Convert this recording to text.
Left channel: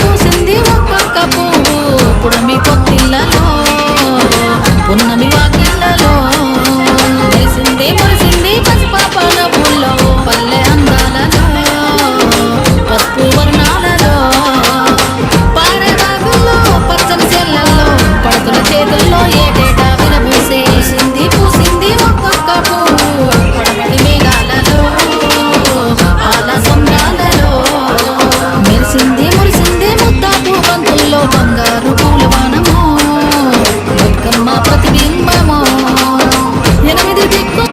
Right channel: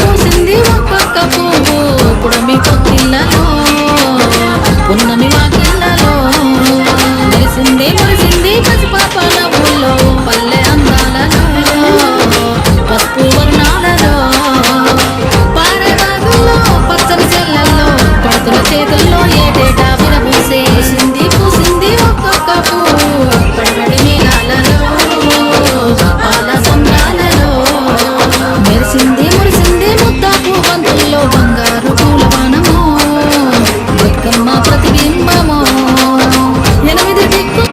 పూసింది ఒక్కొక్క పువ్వు పుడమి పొత్తిళ్ళలో పున్నమి వాకిళ్ళలో మురిసింది పసిపాప నవ్వుల్లో పల్లె అందాలలో పసుపు వర్ణాలలో పారేదాగుల్లో పచ్చని చెల్లల్లో పడతుల చేతుల్లో ఏటేటా విరబూసే పూసింది ఒక్కొక్క పువ్వు పడబడి మేఘాలలో పాల సంద్రాలలో మురిసింది ముద్దాపు బంతుల్లో బంగారు